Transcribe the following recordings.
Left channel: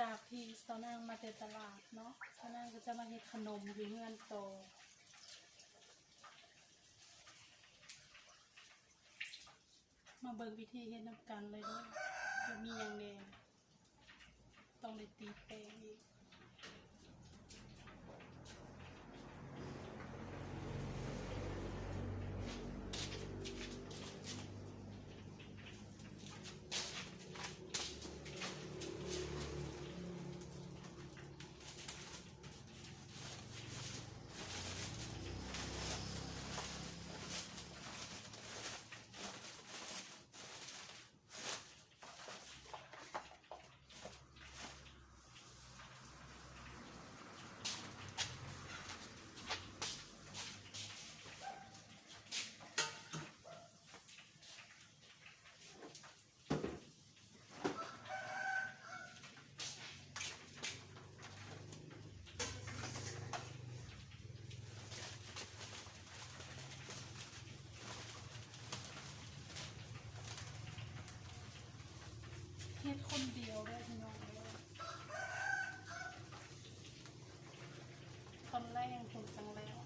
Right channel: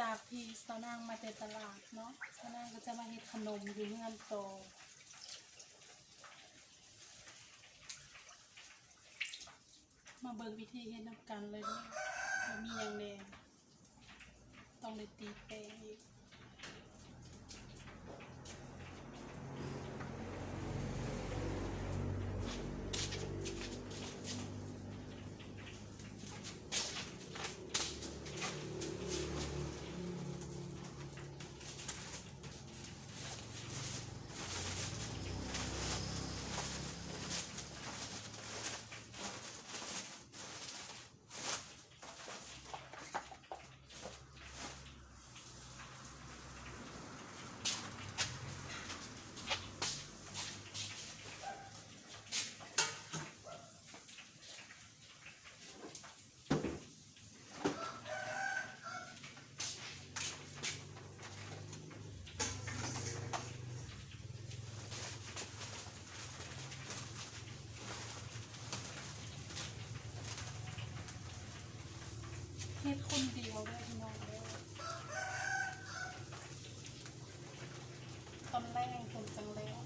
จากที่สาวนางมาแต่ตลาดเนาะสาวนางก็จะมาเฮ็ดขนมอยู่เมืองโตมาเบิ่งวิธีเฮ็ดน้ำกันเลยเนาะว่ามีอย่างแดงต้องได้ตีแป้งอีกเฮ็ดคนเดียวได้พี่น้องเด้อตอนแรกคนจังแล้ว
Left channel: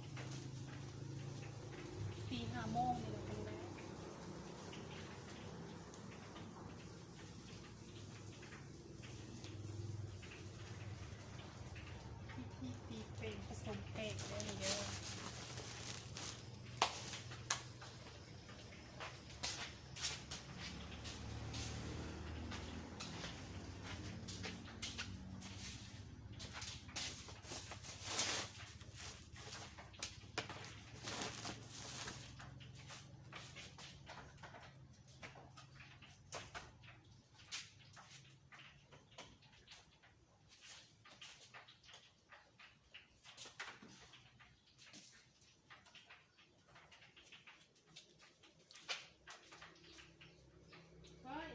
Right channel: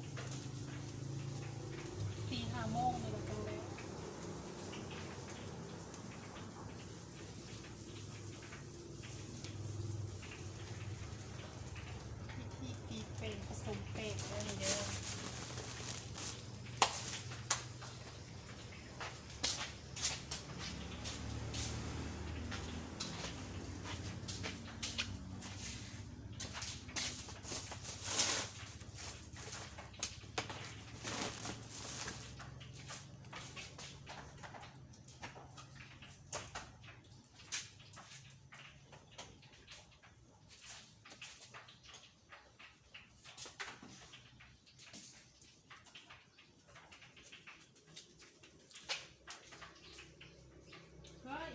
4-5 โมงนี่ก็จังแล้ววิธีตีแป้งผสมแป้งได้เด้อเฮ้ย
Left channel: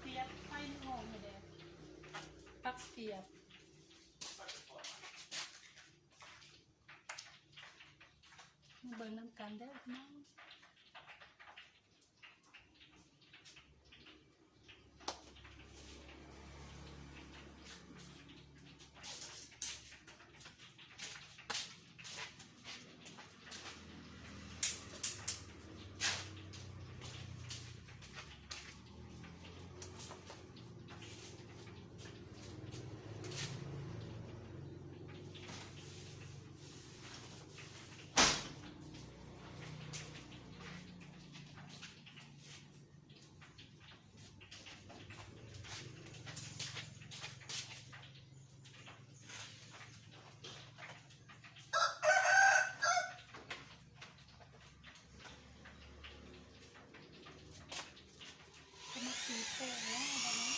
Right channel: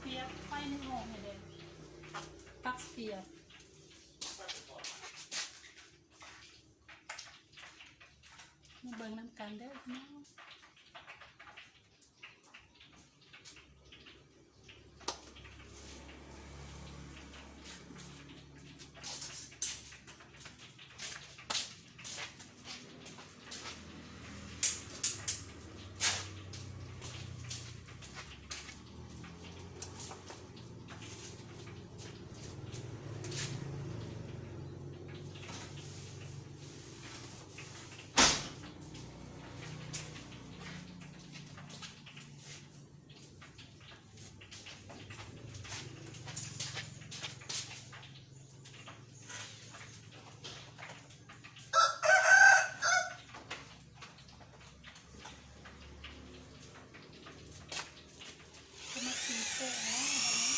เสียบไฟในโอ่งให้เด้อปลั๊กเสียบมาเบิ่งน้ำกันเด้อพี่น้องจะมาตีแป้งแล้ววันนี้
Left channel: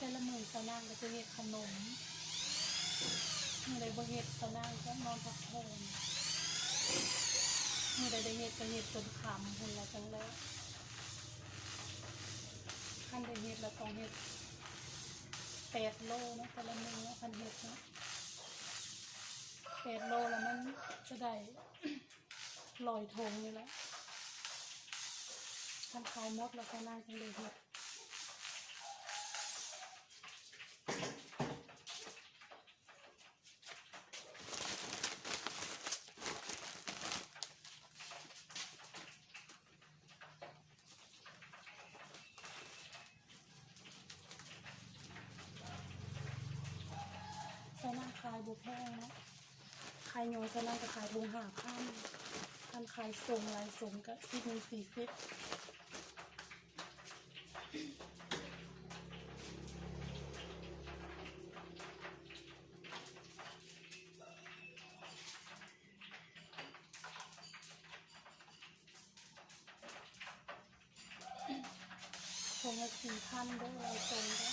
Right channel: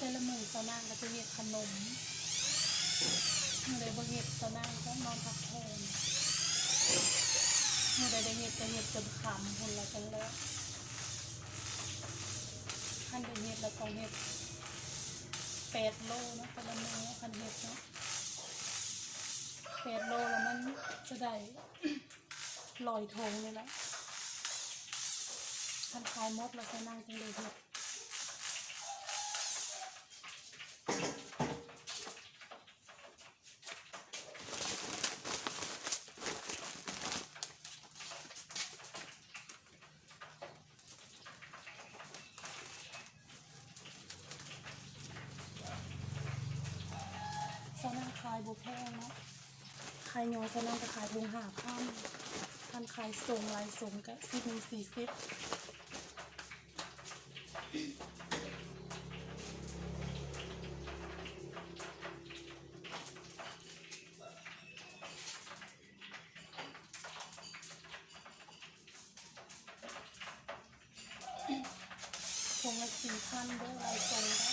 แต่ละมื้อสาวนางก็จะเฮ็ดขนมมื้อใดบ่เฮ็ดสาวนางก็นอนพักผ่อนมื้อใดได้เฮ็ดก็เฮ็ดจนค่ำพุ่นละจังแล้วคันได้เฮ็ดแล้วต้องเฮ็ด 8 โลนะคนละมือพันเห็ดเนาะ8 โลแล้วมันจะได้ 100 ถุงเลยแหละทันขายหมดแล้วก็นั่งจังเลยเห็ดสนั่งขายบุแพงเนาะขายยอสนั่งก็ขายถุง5,000ทันขายส่งลายส่งก็10 40ถุงละ4,000ด้วยลายส่งก็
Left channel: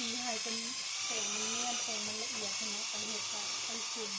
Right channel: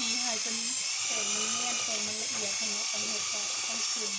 ตีให้เป็นแข็งมันเนียนแข็งมันละเอียดขนาดกันเห็ดก็ต้องจุ่ม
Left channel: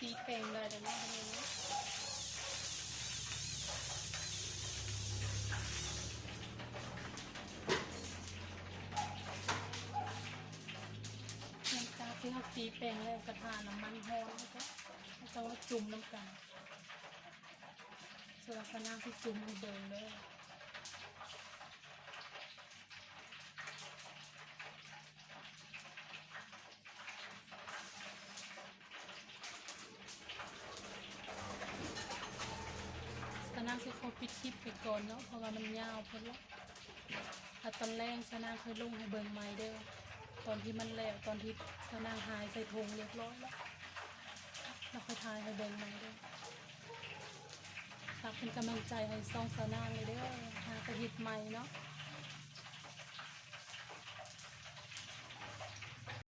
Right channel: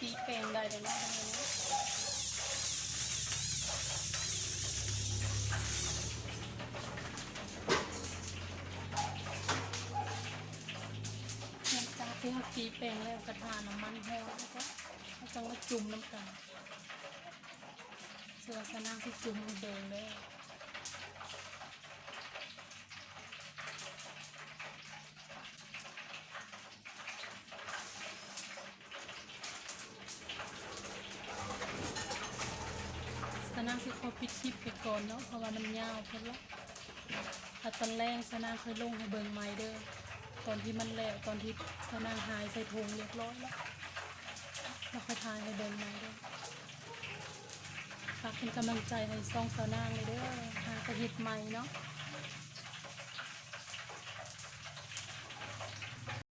ตีแปลงได้เลยนะหลังจากที่เราตีแปลงแล้วกระทาน้ำมันร้อนก็ต้องจุ่มน้ำกันส่วนลักษณะที่จุ่มเดินเลย อปิดคลิปไปก่อนเนาะเพราะว่ามันยาวเพิ่นละแต่ตอนแรกสนางเคยลงให้เบิ่งใหม่เด้อตอนที่มันแล้วตอนที่สนางหายใส่ถุงเรียบร้อยแล้วค่อยถ่ายให้เบิ่งใหม่เด้อฝากเป็นกำลังใจให้ซ่องสนางเลยเด้อหากระเฮ็ดใหม่เนาะ